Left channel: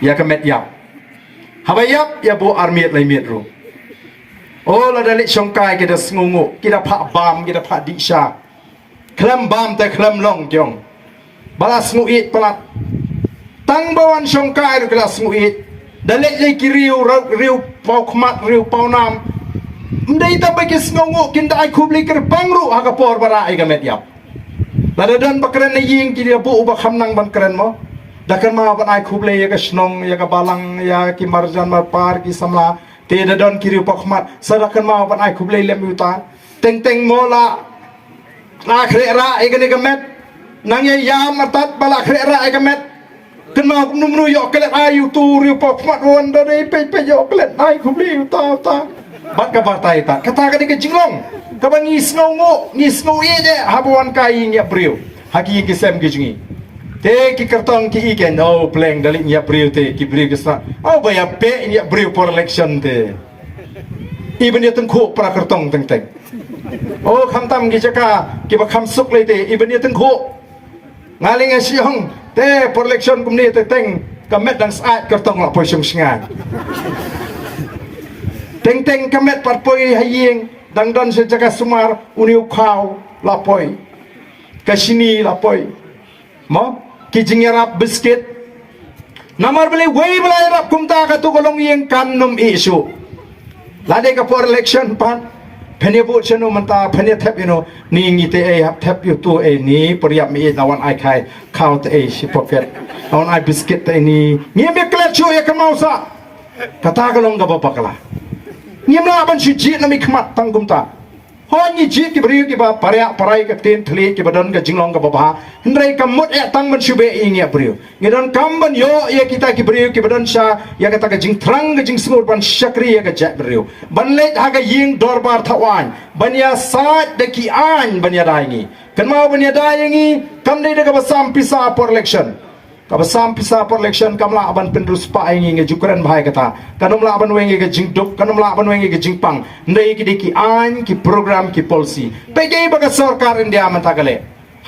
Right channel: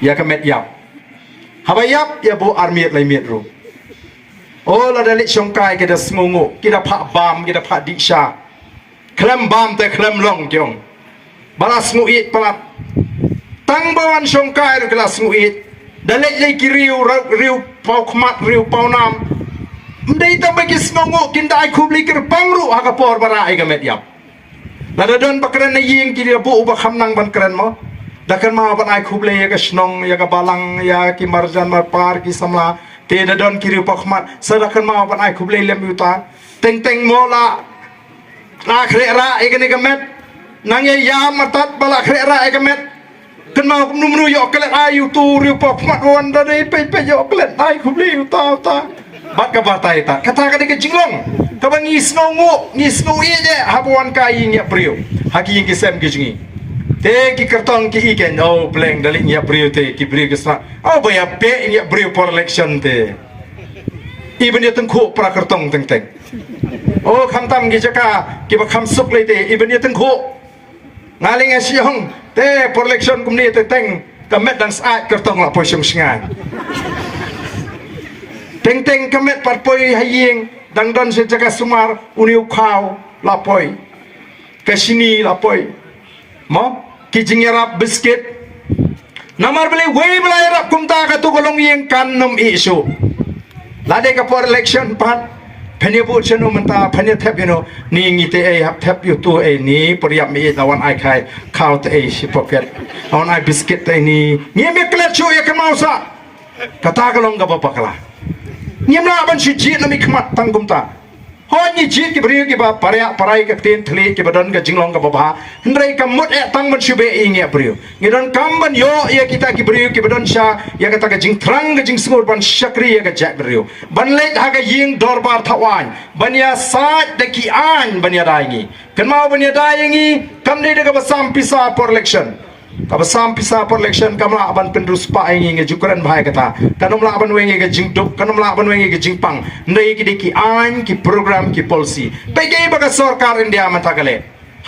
ya kemet yap habayap ya bu armiat lai miat ru oh la dalik songkai kita sengungu kita pak bam kita pak diksha klem bam te klem long jong balas nguit pelat tang bawan songkai ru kelas nguit dalik lai kiriu riu pau khmat riu pau nam mdai ta bagi sengungu kinda ai khubli ker pangru hakapor bara ai kemet yap lada don bakran na ying kiri bu ubah hamnang ban keren mo dakan ma ban ai khuble ya ka snong ya ka balang ya ki marjan mar par ki samla te da don kiri pakmat sadakan ma ban ai khuble lem yuta teng teng mola na khre ra e gani gamet nang ye ya matat bala khre ra e gamet kan ma num nu yo klet ai yu tu ri pakmat wan da dei pe yo klet ai khuble yuta ta bat ka batai ta kata ka de jinglong ka bang isnongo ye je habuan kai nya brio haki ki sem ki jingi te ki kartong ki iken no pleng dali nya brio te ki brio kesna oh baya pe nya brio for election te iben ye tengku pra kartong teng teng oh kham tam ki jaka ki ba kham suk le te iben ye tengku ngaling e siong te for election kum ni te teng kamet dan saat kartong la poisong singan teng teng kamet pat poi haying dang don se jaga sumar uniu khau lapoi kasini lapoi mo ki jingerap biscuit namar beli wei beli rap kumta ka tu golong yeng kan nom isu lade ka for election pat phane bu cheno manta phane thep you know ni ngi te ai hap thep you tu ai ni poriap mi lawan ai khai khau te ai si pocket lawan ai biscuit te ni ni me klet chu ya kamau sa kata golong ga bapakala nyamla ban si ji na mi khmat tang kumta hoi ni ji ki bri ki ba parya parai ka tin thli ki badan ka jinglong ka baba ndrei ka mut e tang ban shube i nge bri ngidon kam ban yo ya kita ki bri ki badan sha ya ka ta ka jing thrang ka jing smur ban shakri ya ka jak bri ban le ha ka ying dorbar thawan ban ya sa de ki an ban ya dai ngi kan mau ban ya dai ngi kam de ka basam pisa for election kabasam pisa for election kamla aban pendrus pa ai nge jukran bhai kata kanumla aban wengi ke jingduk kanumla aban wengi ke jingpang ndai ki diki an ki program ki policy pege baga sarkar india manta kale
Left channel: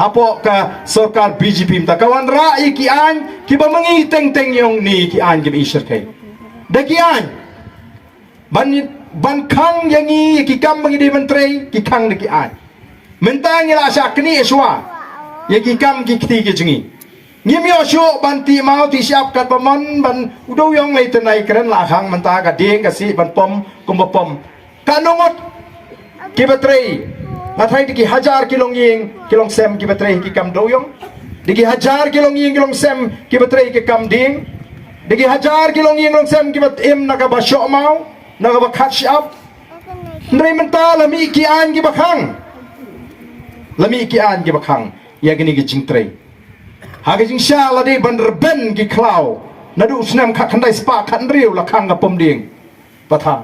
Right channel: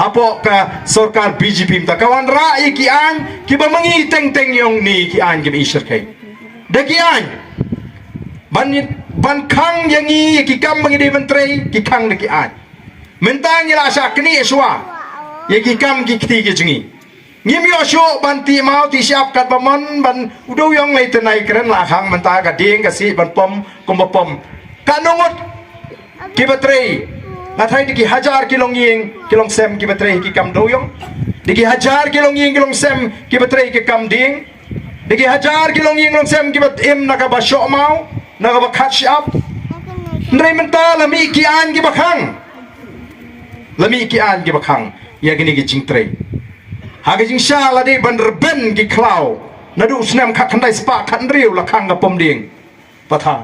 hapo ka sarkar bjp mta kawan rai ki an ki bamangi teng teng yong ni ki an ki isher kai daki an ban khang yangi ki kam bangi di menteri ki khang daki an mentang ila sakni eswa ye ki kam ki kti ki jingi ngimyo shu ban ti mau ti siap kat pamon ban udu yong lai tenai keren la khang menta ka ding ka si ban pom kom pom kanungot ki batrei na thai ki 1000 kilong ying kilong sem ki batrei ki kam do yong diki 1000 kilong ying kilong sem ki batrei ki kam ding diki 1000 kilong ying kilong sem ki bat im na ka ba sho mau na ka ba catch up ndrei menta la mi ki an ki bakhang la mi ki an ki bakhang ya gini ki jingtrei haga jing sha la de ban reben ki klau nadu snam khat khandai spa khan riu la khang ga pom ding patha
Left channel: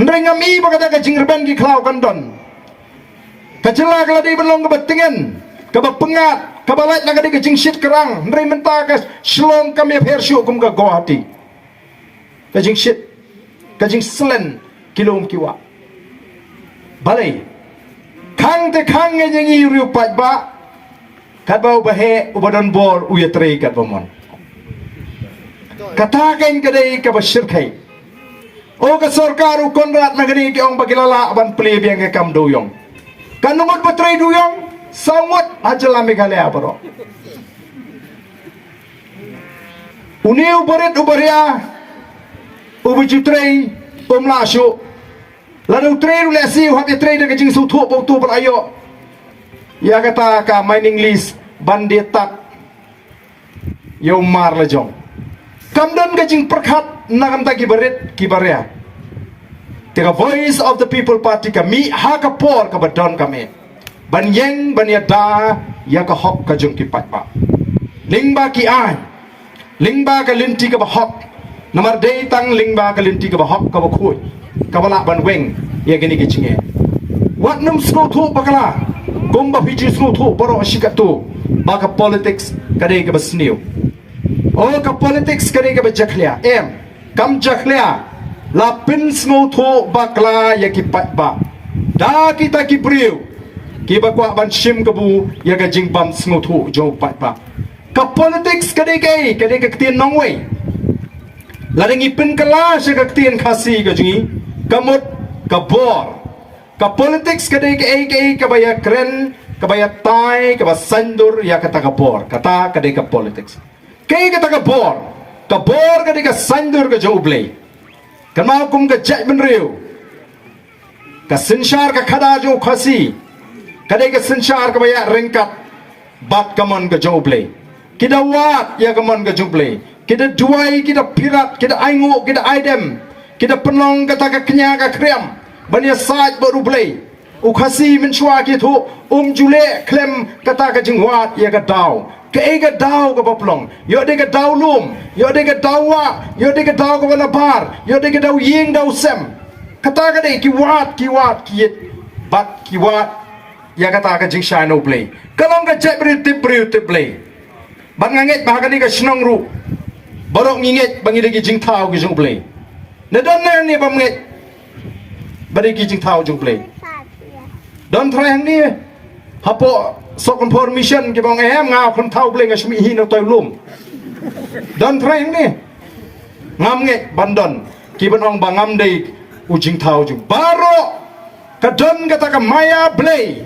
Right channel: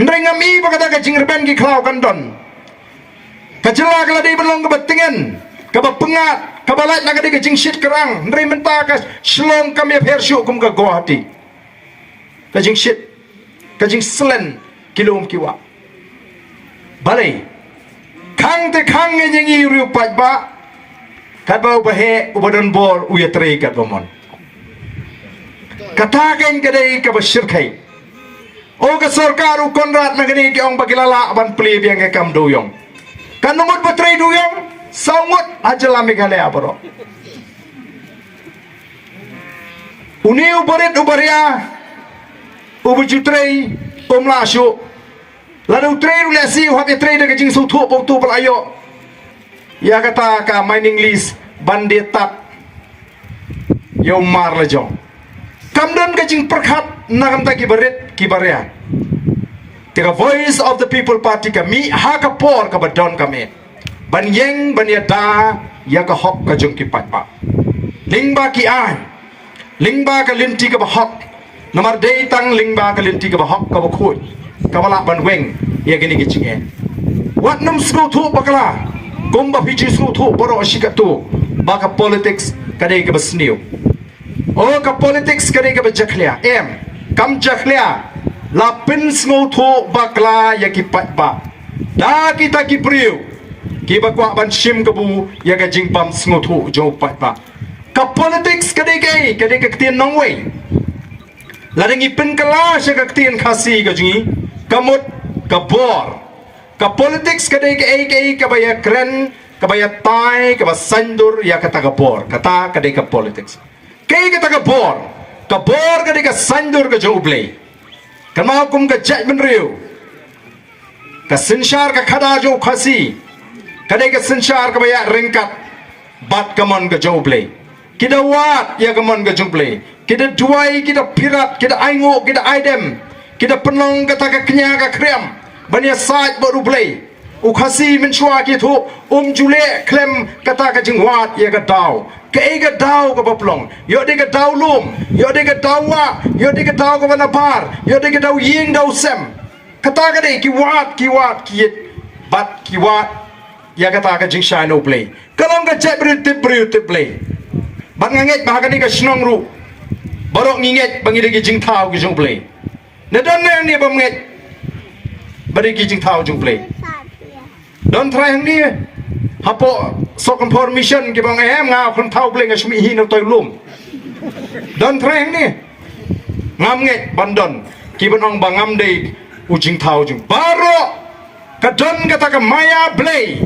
ndreng ami ba ka jing reben ki klau kan don ka jela ka la de ban long ka batingen ka ba pengat ka ba lai na ka de jing shit kerang ndrei menta ka slong ka me pher shu kum ka Guwahati ka jing shit ka jing slen kilom kiwa balai khang te khang nge ngi riu pat ba kat bau bahe ubadon bor uyatrei kat bomon katakan kadai ka basirkai o ka sarkar u konrat nagani ki ong bagilala ban pli biang ke kam doyong kanungot batrei doyong saungot ajala meghalaya baro uni ubaret ubaria ubujutrei umlashu lalu trei ulasi habi trei de jing su thu bau tu pelayo ya kata ka mining list bandetat yo mar lejong kamdan gajing perkhat nagam ta kibaret kibaria the voice of the people party kami ha ka por ka badon kami ban yeng ban yada ya ka hok ka jong kipat pa lingba ki ai lingba ka linti ka ba hok nomor dei tang lingba ka linti ka ba hok ka ba khoi ka bala ban weng ya gini gichinge wat num sko thu bakala kumba piji snu thu boro shikatu baka politics kadai ka basniu o ka politics kadai ka bajaklia em kam jaklia la pin snu thu bakla ya ki pat ba da kita ki priu ki bakwa ban shim kabu ya ka jingbam snu thu jo pat ba ka politics kadai ka tien nong wei ladangi pen kala sa ka tien khasi ka jingi kamut ka bor ka politics kadai ka baya kren ka baya tai ka basandur ya kata ka bor kata kadai ka politics kata ka bor kadai ka sandur ka joble kamau kum ka jai benriu ka sinshar ka khada jo khasi kadai ka sinshar ka baya ringkat bat kaman ka joble kita wat ya kaman ka joble kita duai kita pirat kita aingo kita aidem kita penong kata ka kenya ka krem bania sait baru blei ukhasi menshua gitu jule klem kata ka jingwat ya ka dau ka dau ka baplong yo de ka dau lum yo de ka dawa yo de ka dau ka banapar yo de ka dau ying dau sem kata ka de kiwat kiet bat kiwat ya kata ka jing shai no play kalong ka jebri tiblei bat nganget ba ka ni ka snong ru barok nginget bangi de ki jing thau ki jong play ne don ne ni bam nget bari ki jing thau jong play don thrang ni hapo sokon permission ki bang ngao kon thau play ngasmi hi no toy lum don thrang ni ngam nget bandon ki banong bangam de u jing thau jong baro ka don kata ka maya play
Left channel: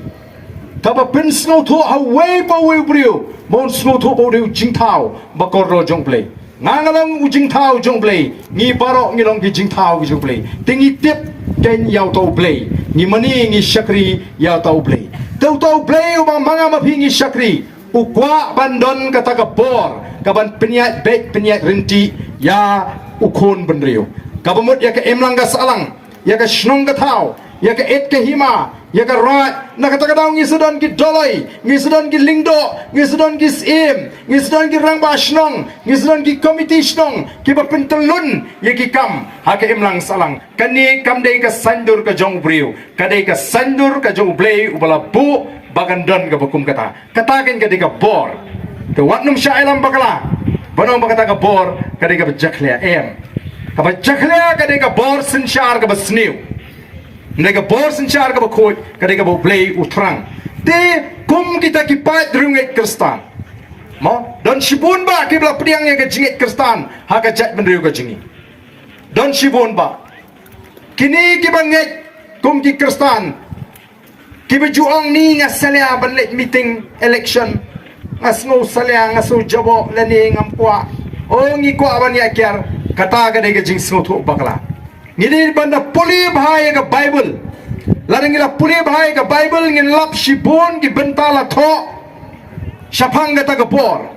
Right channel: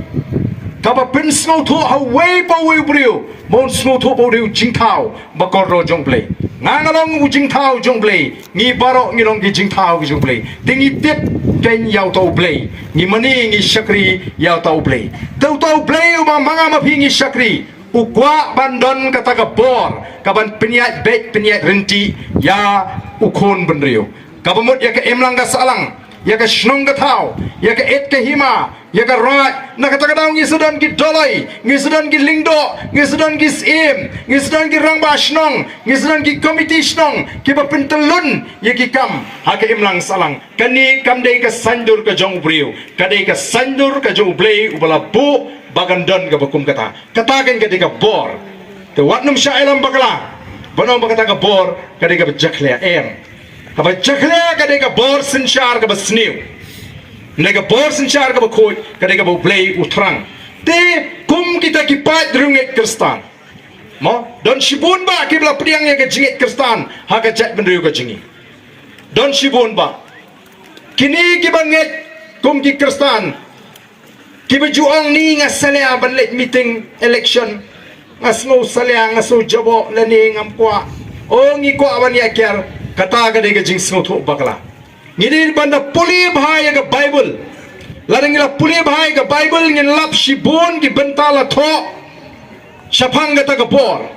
kaba pin snow to away pa we brio mon snow to bo riu jing thao ba ko ro jong play ngangalong u jing thao jong play ngi baro ngi long ki jing thao ki jong play tingi tip ken yaw to play ngi mani ngi shakri yaw to play to play u manga ma phi ngi shakri u kwa bandon kata ka bor kaban penyat bet penyat renti ya u khon ban riu kabamut ya ka emlang ga salang ya ka shnong ka thao ya ka et ka hima ya ka rat na kata kadang ngi sudan ki dolai ngi sudan ki lingdo ngi sudan ki sim ngi sudan ki rang ba shnong ngi sudan ki committee shnong ki ba pentelun ya ki kam ha ka imlang salang kani kam dei ka sandur ka jong briu kadai ka sandur ka jong blei ubala bu bagandon ka bakum kata katakan ka dei ka bor to watnum shailam bakala banong bakata ka bor kadai ka jakhle em ka ba jakhle kadai ka bor sinshar ka basniu nega bor sinchar ka bakoi kadega bo play utrang te kum kita ki pai drunget kristan mo don shibun ba ki bla priang ye ka jinget kristan ha ka jat benriu ka jingi don shibun ba kini ki banget kum ki kristan ki bejuang ni ngasalia banlet meeting election ngasno salia ngaso jabo lani ngam kwa o ngi kwa ban ya kyar kata kadega jing so tho bakla ngini banda puli bahaya ka bible laringila puli bahaya ka bible ngin lap shibun ki bentala tho shapang ka bor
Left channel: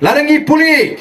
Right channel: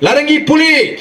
laringi puli